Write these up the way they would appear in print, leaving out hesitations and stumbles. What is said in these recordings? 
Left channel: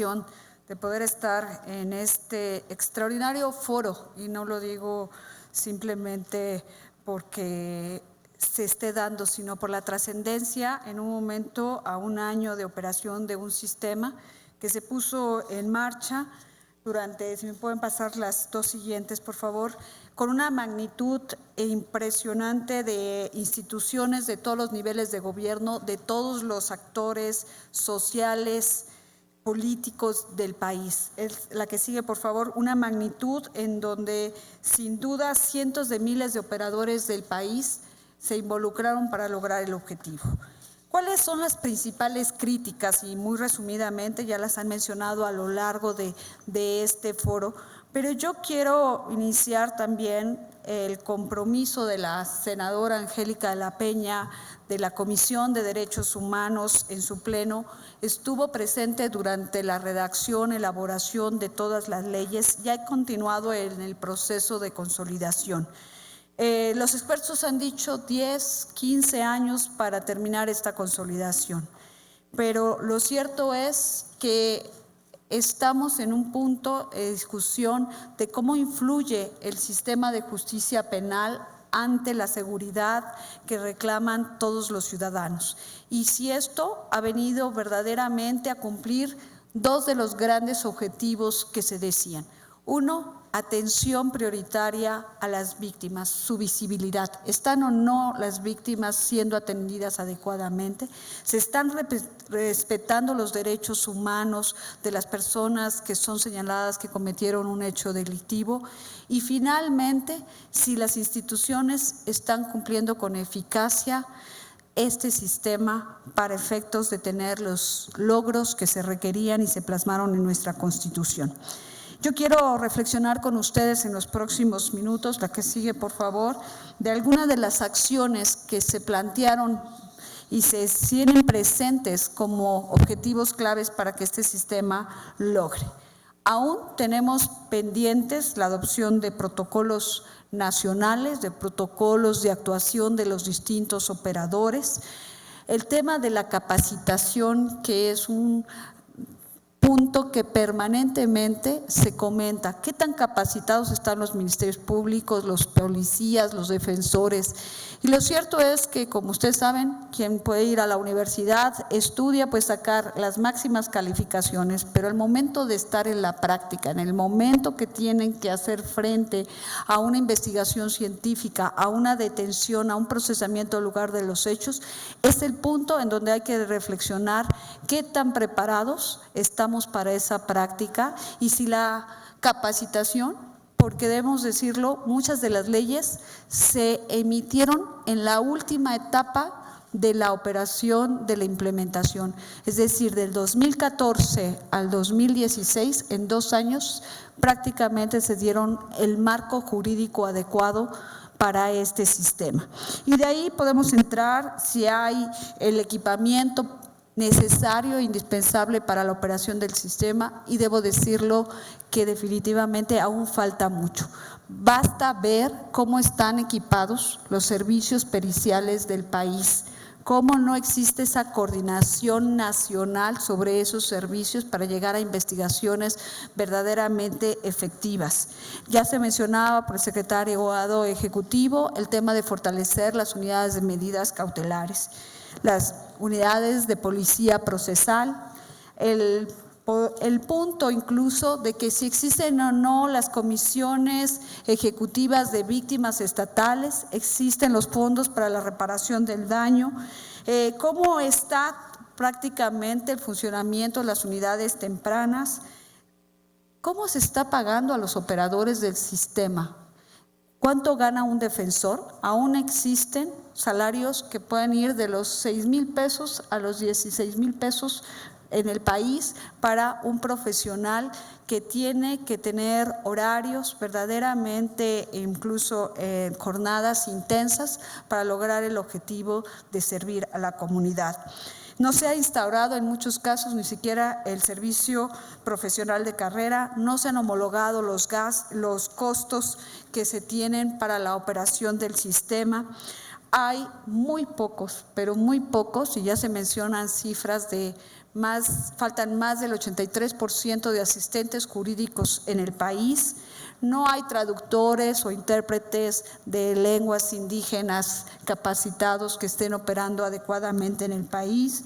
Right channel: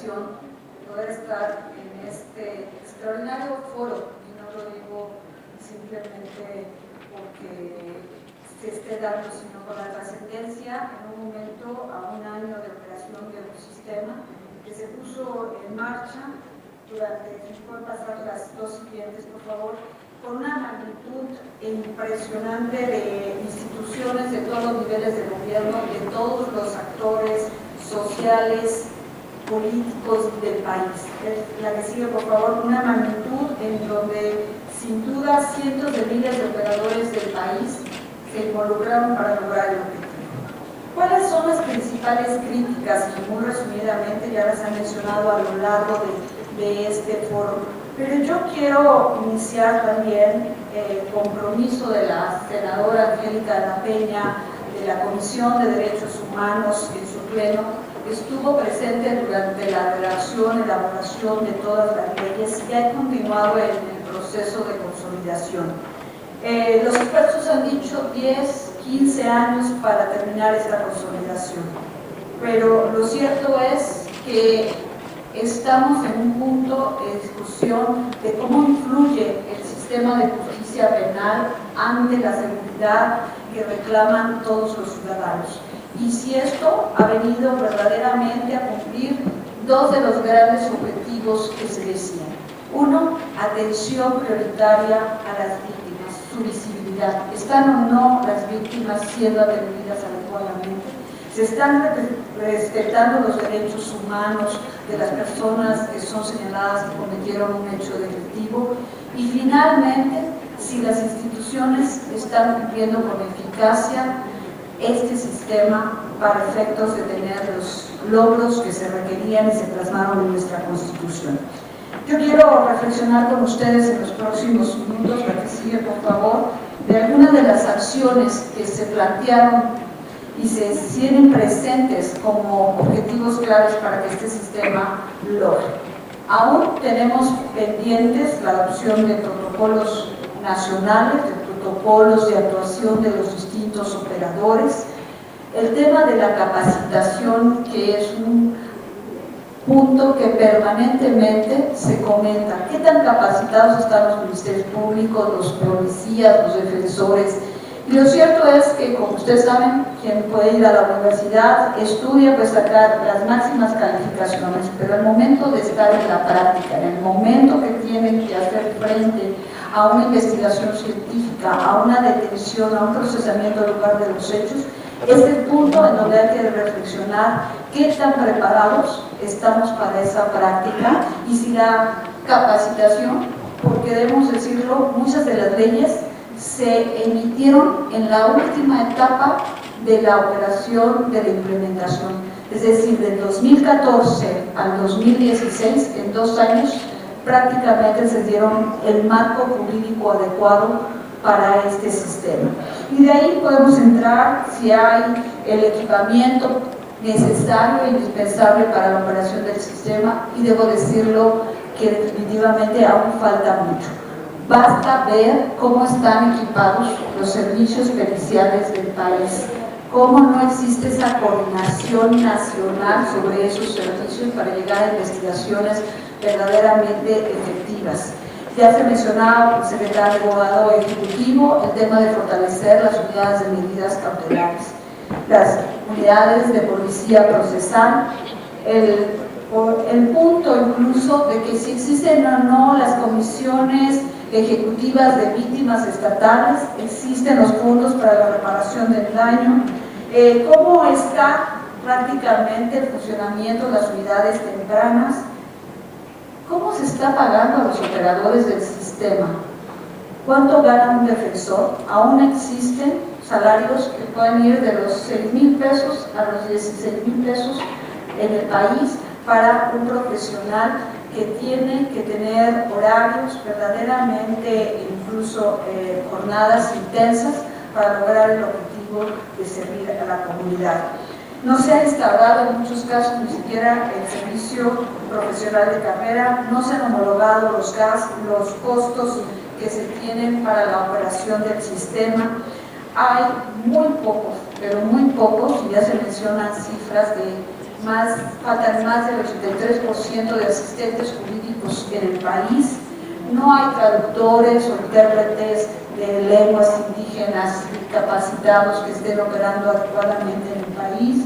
ocasión de poder estar en este extraordinario foro, y no lo digo simplemente porque se esté dando, sino por la trascendencia en un momento a un año de operación de un sistema que se puso en marcha durante, si me pueden pasar las dos siguientes, por favor, con una magnitud impresionante de instituciones de todos los niveles de gobierno, de todos los actores sociales, políticos del país. Es la que sigue, por favor, una magnitud en donde sin duda cientos de miles de operadores del país se involucraron para lograr el objetivo. ¿Cuáles son las principales críticas? Y muy resumidamente ya las he mencionado a lo largo de este foro, pero yo quiero iniciar también el compromiso de la senadora Angélica de la Peña, de la Comisión de Derechos Humanos en su pleno. Estuvo presente durante la redacción y elaboración de todas las leyes y ha continuado en el proceso de consolidación. Los expertos han dicho 10, 15 años para terminar esta consolidación, pero lo cierto es que estamos en un punto de discusión de cómo influye el sistema de justicia penal ante la seguridad que reclaman todos los ciudadanos. Y si esto ha venido verdaderamente a cumplir dos de los grandes objetivos que se decían. Uno, atención prioritaria a las víctimas, su visibilidad. ¿Están o no las víctimas siendo atendidas adecuadamente? ¿Se están respetando los derechos humanos de las personas que son señaladas que cometieron un hecho delictivo? Y finalmente, si las instituciones están cumpliendo con eficacia este sistema para efectos de tener los logros que se requerían y se plasmaron en nuestra Constitución. Yo quiero reflexionar con ustedes en los próximos minutos, la que sigue, por favor, de algunas de las acciones que se plantearon y se siguen presentes como objetivos claves para que este sistema logre. Aún tenemos pendientes la adopción de protocolos nacionales, de protocolos de actuación de los distintos operadores, el tema de la capacitación, que es un punto que permanentemente se comenta. ¿Qué tan capacitados están los ministerios públicos, los policías, los defensores? Y lo cierto es que, como ustedes saben, quien puede ir a la universidad, estudia, puede sacar las máximas calificaciones, pero al momento de estar en la práctica, en el momento que tienen que hacer frente a una investigación científica, a una detención, a un procesamiento en lugar de los hechos, es el punto en donde hay que reflexionar qué tan preparados estamos para esa práctica y si la capacitación, porque debemos decirlo, muchas de las leyes se emitieron en la última etapa de la operación de la implementación, es decir, del 2014 al 2016, en 2 años, prácticamente se dieron el marco jurídico adecuado para este sistema. Y de ahí podemos entrar si hay el equipamiento necesario e indispensable para la operación del sistema, y debo decirlo que definitivamente aún falta mucho. Basta ver cómo están equipados los servicios periciales del país, cómo no existe esa coordinación nacional sobre esos servicios para llegar a investigaciones verdaderamente efectivas. Ya se mencionaba por el secretario abogado ejecutivo el tema de fortalecer las unidades de medidas cautelares, las unidades de policía procesal, el punto incluso de que si existen o no las comisiones ejecutivas de víctimas estatales, existen los fondos para la reparación del daño, cómo está prácticamente el funcionamiento de las unidades tempranas, cómo se está pagando a los operadores del sistema, cuánto gana un defensor. Aún existen salarios que pueden ir de los 6,000 pesos a los 16,000 pesos en el país para un profesional que tiene que tener horarios verdaderamente, incluso jornadas intensas para lograr el objetivo de servir a la comunidad. No se ha instaurado en muchos casos ni siquiera el servicio profesional de carrera, no se han homologado los costos que se tienen para la operación del sistema. Hay muy pocos, pero muy pocos, y ya se mencionan cifras de faltan más del 83% de asistentes jurídicos en el país, no hay traductores o intérpretes de lenguas indígenas capacitados que estén operando adecuadamente en el país,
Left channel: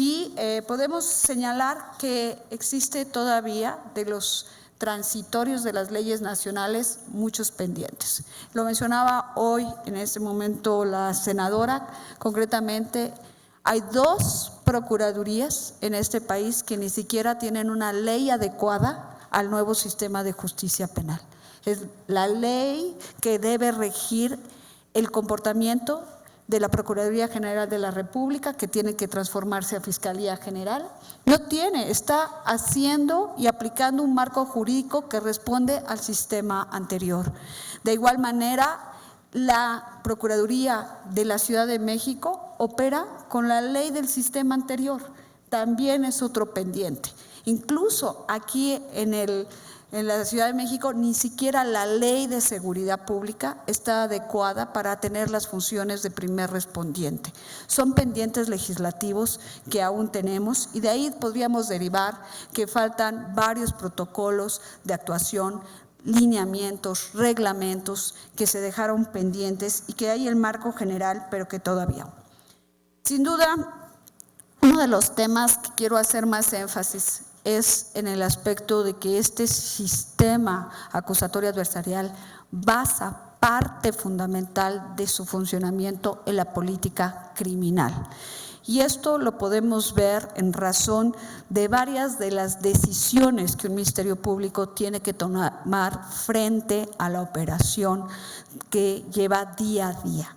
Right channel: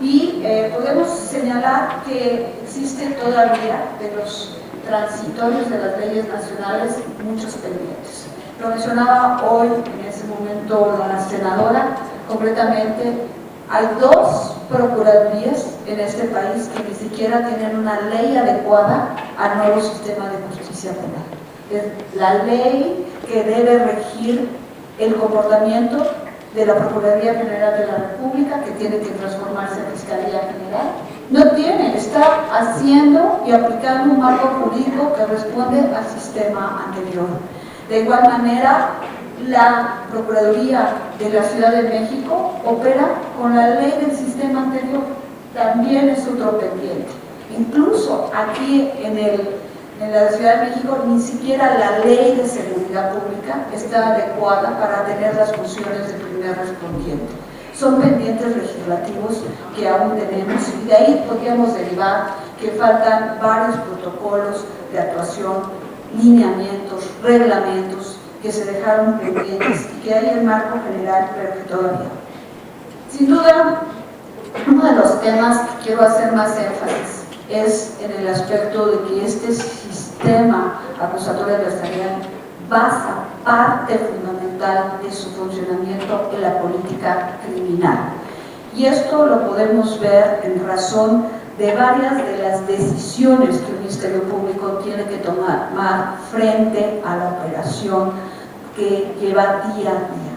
y podemos señalar que existen todavía de los transitorios de las leyes nacionales muchos pendientes. Lo mencionaba hoy en este momento la senadora. Concretamente, hay 2 procuradurías en este país que ni siquiera tienen una ley adecuada al nuevo sistema de justicia penal. La ley que debe regir el comportamiento de la Procuraduría General de la República, que tiene que transformarse en Fiscalía General, no tiene, está haciendo y aplicando un marco jurídico que responde al sistema anterior. De igual manera, la Procuraduría de la Ciudad de México opera con la ley del sistema anterior, también es otro pendiente. Incluso aquí en la Ciudad de México ni siquiera la ley de seguridad pública está adecuada para tener las funciones de primer respondiente. Son pendientes legislativos que aún tenemos, y de ahí podríamos derivar que faltan varios protocolos de actuación, lineamientos, reglamentos que se dejaron pendientes y que hay en marco general, pero que todavía. Sin duda, uno de los temas que quiero hacer más énfasis es en el aspecto de que este sistema acusatorio adversarial basa parte fundamental de su funcionamiento en la política criminal. Y esto lo podemos ver en razón de varias de las decisiones que el Ministerio Público tiene que tomar frente a la operación que lleva día a día.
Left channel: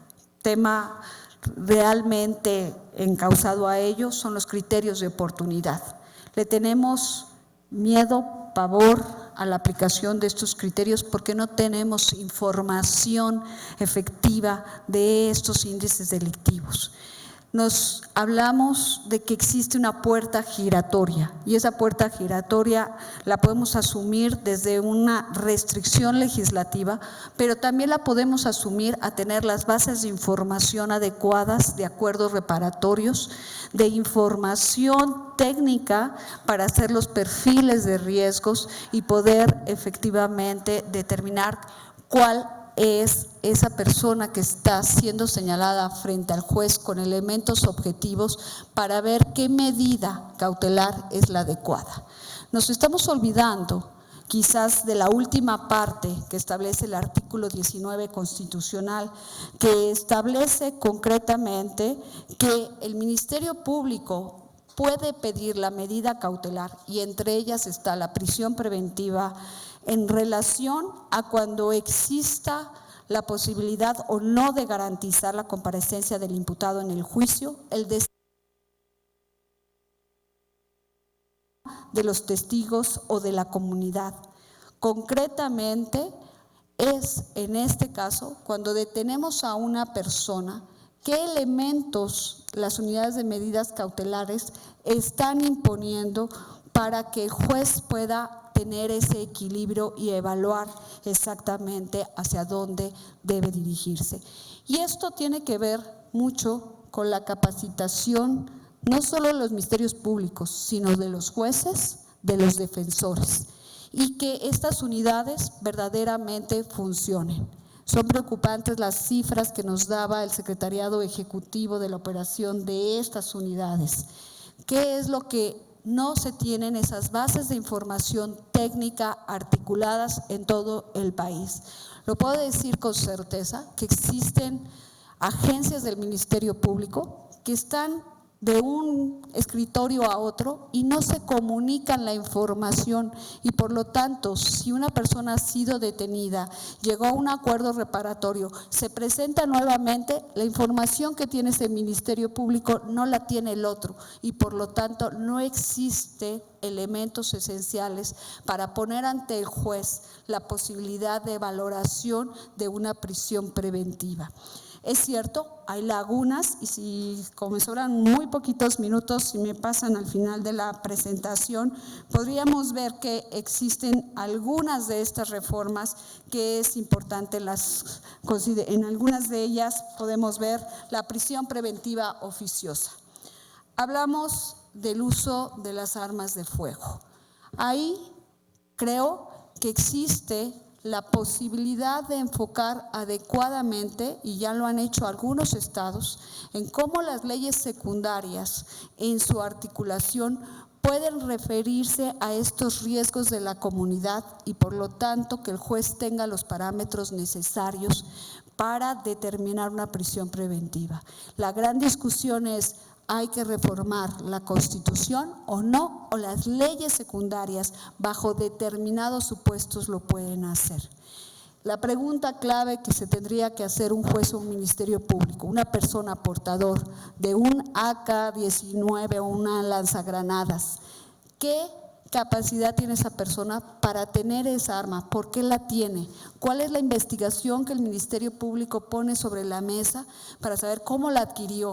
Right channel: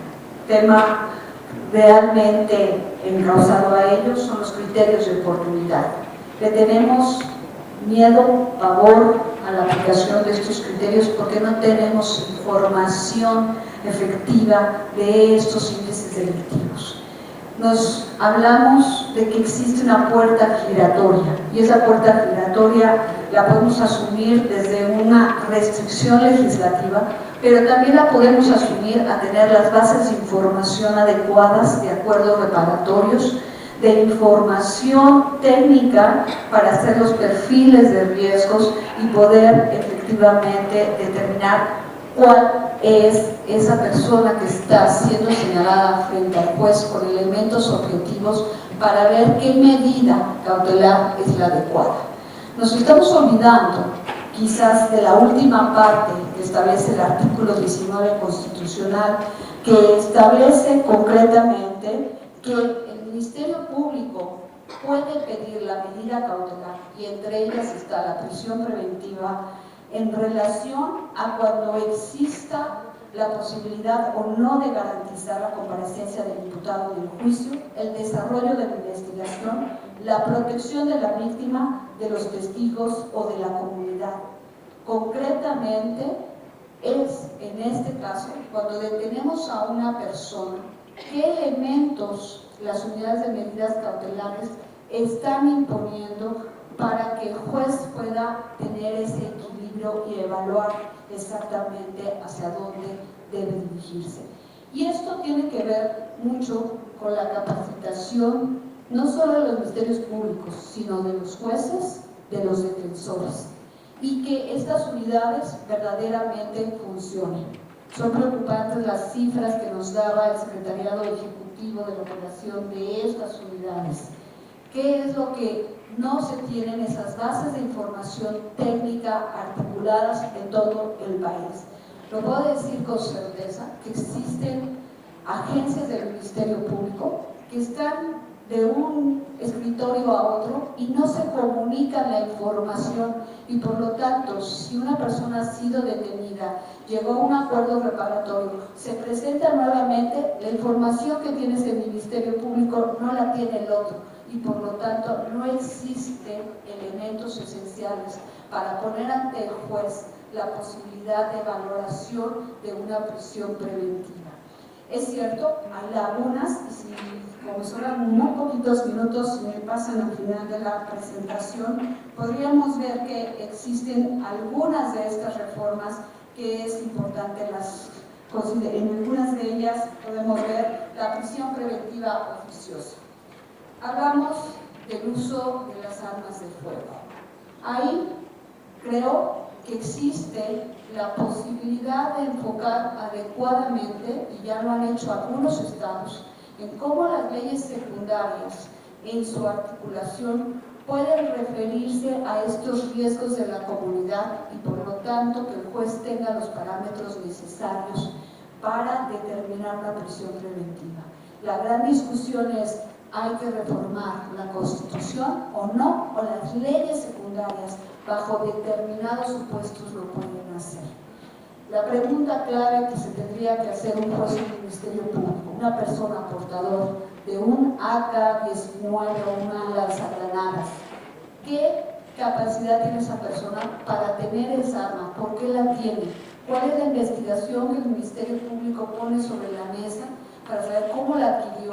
Tema realmente encauzado a ellos son los criterios de oportunidad. Le tenemos miedo, pavor a la aplicación de estos criterios porque no tenemos información efectiva de estos índices delictivos. Nos hablamos de que existe una puerta giratoria, y esa puerta giratoria la podemos asumir desde una restricción legislativa, pero también la podemos asumir a tener las bases de información adecuadas, de acuerdos reparatorios, de información técnica para hacer los perfiles de riesgos y poder efectivamente determinar cuál es esa persona que está siendo señalada frente al juez con elementos objetivos para ver qué medida cautelar es la adecuada. Nos estamos olvidando quizás de la última parte que establece el artículo 19 constitucional, que establece concretamente que el Ministerio Público puede pedir la medida cautelar, y entre ellas está la prisión preventiva, en relación a cuando exista la posibilidad o no de garantizar la comparecencia del imputado en el juicio, el desarrollo de la investigación, la protección de la víctima, de los testigos o de la comunidad. Concretamente, es en este caso cuando detenemos a una persona, qué elementos las unidades de medidas cautelares están imponiendo para que el juez pueda tener ese equilibrio y evaluar exactamente hacia dónde debe dirigirse. Y esto tiene que ver mucho con la capacitación, no solo de los ministerios públicos, sino de los jueces, de los defensores, y que estas unidades verdaderamente funcionen. Son preocupantes las cifras que nos daba el Secretariado Ejecutivo de la operación de estas unidades. ¿Qué es lo que no se tienen esas bases de información técnica articuladas en todo el país? Lo puedo decir con certeza que existen agencias del Ministerio Público que están de un escritorio a otro y no se comunican la información, y por lo tanto, si una persona ha sido detenida, llegó a un acuerdo reparatorio, se presenta nuevamente, la información que tiene ese Ministerio Público no la tiene el otro, y por lo tanto no existen elementos esenciales para poner ante el juez la posibilidad de valoración de una prisión preventiva. Es cierto, hay lagunas, y si como me sobran muy poquitos minutos y me pasan al final de la presentación, podríamos ver que existen algunas de estas reformas que es importante las considerar. En algunas de ellas podemos ver la prisión preventiva oficiosa. Hablamos del uso de las armas de fuego. Ahí creo que existe la posibilidad de enfocar adecuadamente, y ya lo han hecho algunos estados, en cómo las leyes secundarias en su articulación pueden referirse a estos riesgos de la comunidad y por lo tanto que el juez tenga los parámetros necesarios para determinar una prisión preventiva. La gran discusión es: ¿hay que reformar la Constitución o no? ¿O las leyes secundarias bajo determinados supuestos lo pueden hacer? La pregunta clave que se tendría que hacer un juez o un ministerio público, una persona portador de un AK-19 o una lanzagranadas, ¿qué capacidad tiene esa persona para tener esa arma? ¿Por qué la tiene? ¿Cuál es la investigación que el Ministerio Público pone sobre la mesa para saber cómo la adquirió?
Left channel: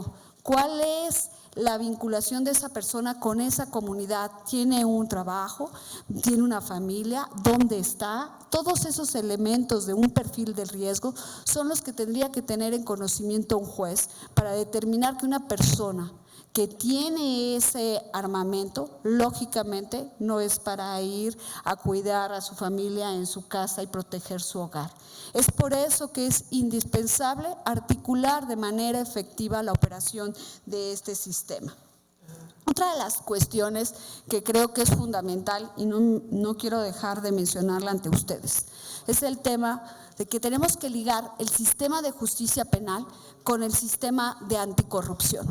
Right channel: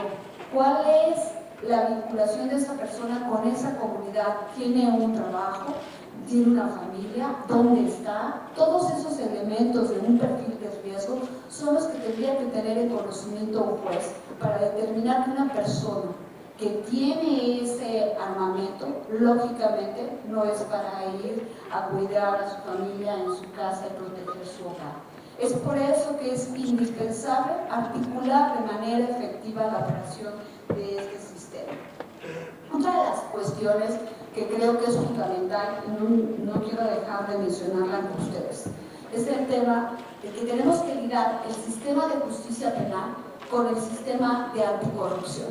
¿Cuál es la vinculación de esa persona con esa comunidad? ¿Tiene un trabajo? ¿Tiene una familia? ¿Dónde está? Todos esos elementos de un perfil de riesgo son los que tendría que tener en conocimiento un juez para determinar que una persona que tiene ese armamento, lógicamente no es para ir a cuidar a su familia en su casa y proteger su hogar. Es por eso que es indispensable articular de manera efectiva la operación de este sistema. Otra de las cuestiones que creo que es fundamental y no quiero dejar de mencionarla ante ustedes es el tema de que tenemos que ligar el sistema de justicia penal con el sistema de anticorrupción.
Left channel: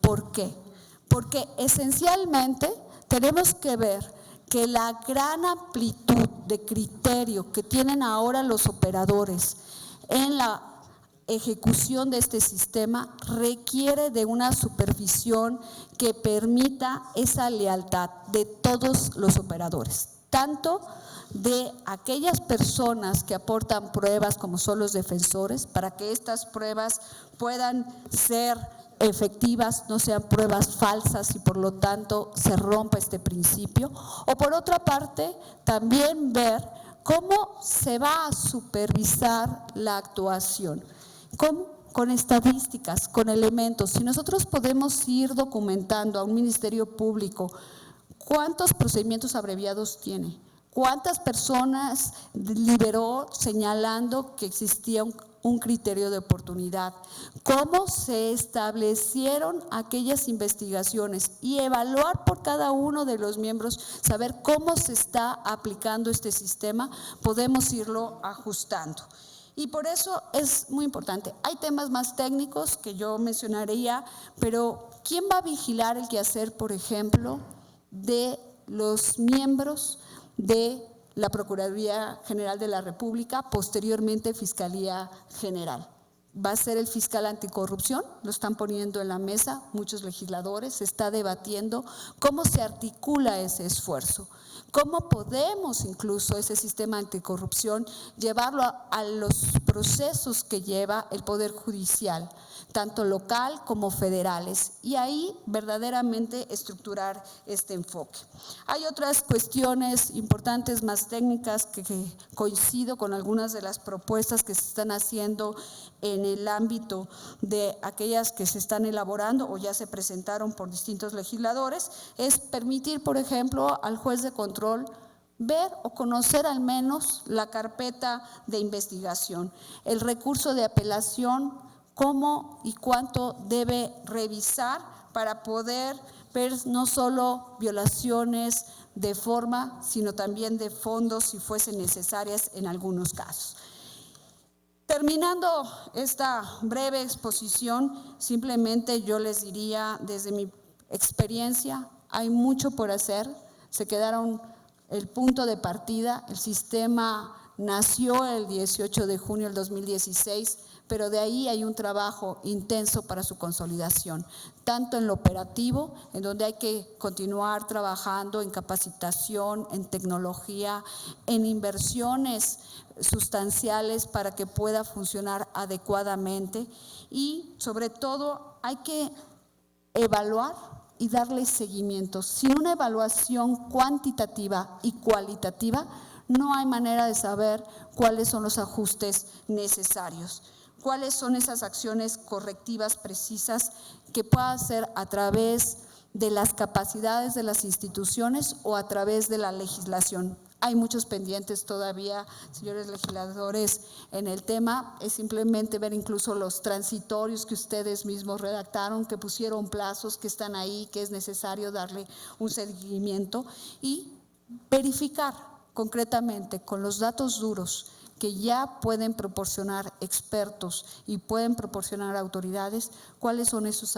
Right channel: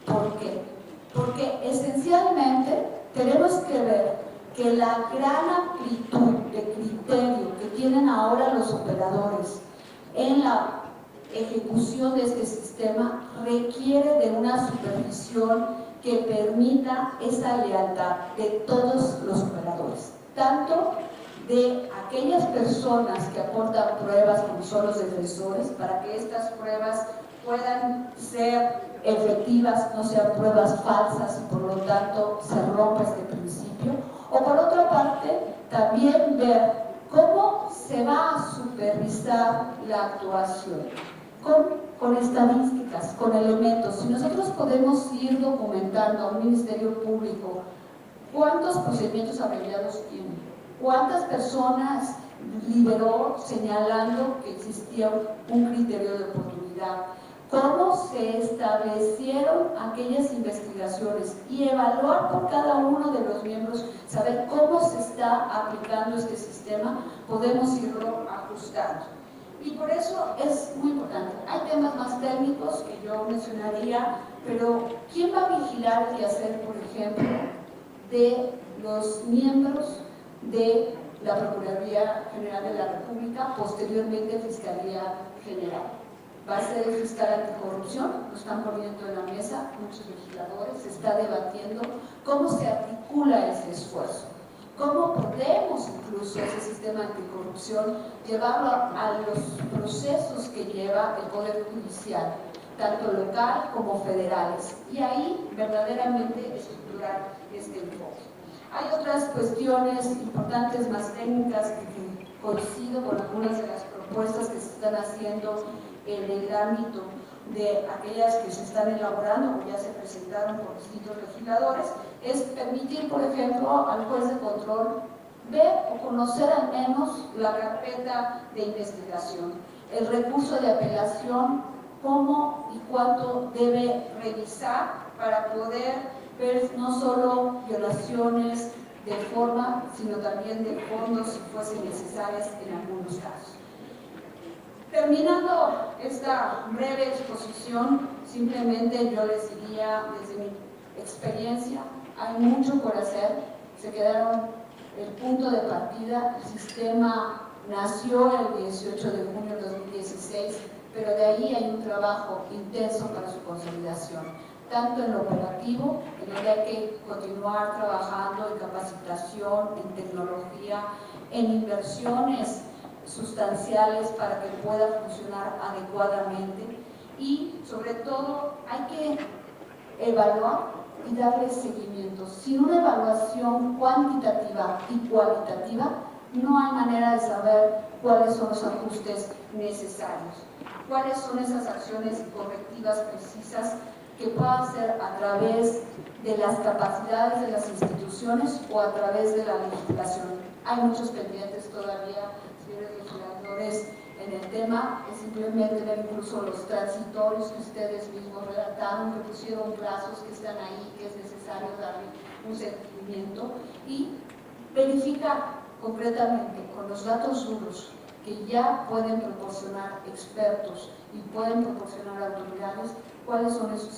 ¿Por qué? Porque esencialmente tenemos que ver que la gran amplitud de criterio que tienen ahora los operadores en la ejecución de este sistema requiere de una supervisión que permita esa lealtad de todos los operadores, tanto de aquellas personas que aportan pruebas como son los defensores, para que estas pruebas puedan ser efectivas, no sean pruebas falsas y por lo tanto se rompa este principio. O por otra parte, también ver cómo se va a supervisar la actuación con estadísticas, con elementos. Si nosotros podemos ir documentando a un ministerio público cuántos procedimientos abreviados tiene, cuántas personas liberó señalando que existía un criterio de oportunidad, cómo se establecieron aquellas investigaciones y evaluar por cada uno de los miembros, saber cómo se está aplicando este sistema, podemos irlo ajustando. Y por eso es muy importante. Hay temas más técnicos que yo mencionaría, pero ¿quién va a vigilar el quehacer, por ejemplo, de los miembros de la Procuraduría General de la República, posteriormente Fiscalía General? Va a ser el fiscal anticorrupción, lo están poniendo en la mesa muchos legisladores, se está debatiendo cómo se articula ese esfuerzo. ¿Cómo podemos incluso ese sistema anticorrupción llevarlo a los procesos que lleva el Poder Judicial, tanto local como federales? Y ahí verdaderamente estructurar este enfoque. Hay otras cuestiones importantes, más técnicas, que coincido con algunas de las propuestas que se están haciendo en el ámbito de aquellas que se están elaborando o ya se presentaron por distintos legisladores, es permitir, por ejemplo, al juez de control ver o conocer al menos la carpeta de investigación, el recurso de apelación, cómo y cuánto debe revisar para poder ver no solo violaciones de forma, sino también de fondo si fuesen necesarias en algunos casos. Terminando esta breve exposición, simplemente yo les diría, desde mi experiencia, hay mucho por hacer. Se quedaron el punto de partida, el sistema nació el 18 de junio del 2016, pero de ahí hay un trabajo intenso para su consolidación, tanto en lo operativo, en donde hay que continuar trabajando en capacitación, en tecnología, en inversiones sustanciales para que pueda funcionar adecuadamente, y sobre todo hay que evaluar y darle seguimiento. Sin una evaluación cuantitativa y cualitativa no hay manera de saber cuáles son los ajustes necesarios, cuáles son esas acciones correctivas precisas que pueda ser a través de las capacidades de las instituciones o a través de la legislación. Hay muchos pendientes todavía, señores legisladores, en el tema. Es simplemente ver incluso los transitorios que ustedes mismos redactaron, que pusieron plazos, que están ahí, que es necesario darle un seguimiento y verificar concretamente con los datos duros que ya pueden proporcionar expertos y pueden proporcionar autoridades cuáles son esos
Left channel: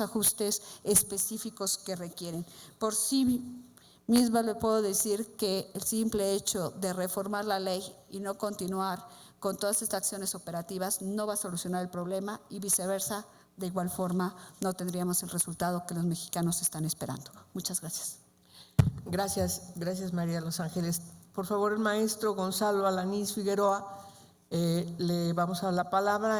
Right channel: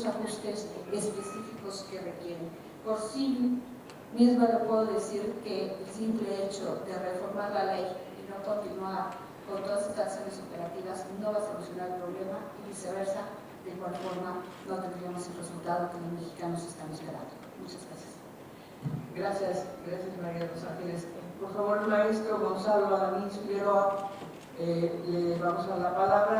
ajustes específicos que requieren. Por sí misma le puedo decir que el simple hecho de reformar la ley y no continuar con todas estas acciones operativas no va a solucionar el problema y viceversa, de igual forma no tendríamos el resultado que los mexicanos están esperando. Muchas gracias. Gracias María Rosa Ángeles. Por favor, el maestro Gonzalo Alanís Figueroa, le vamos a dar la palabra.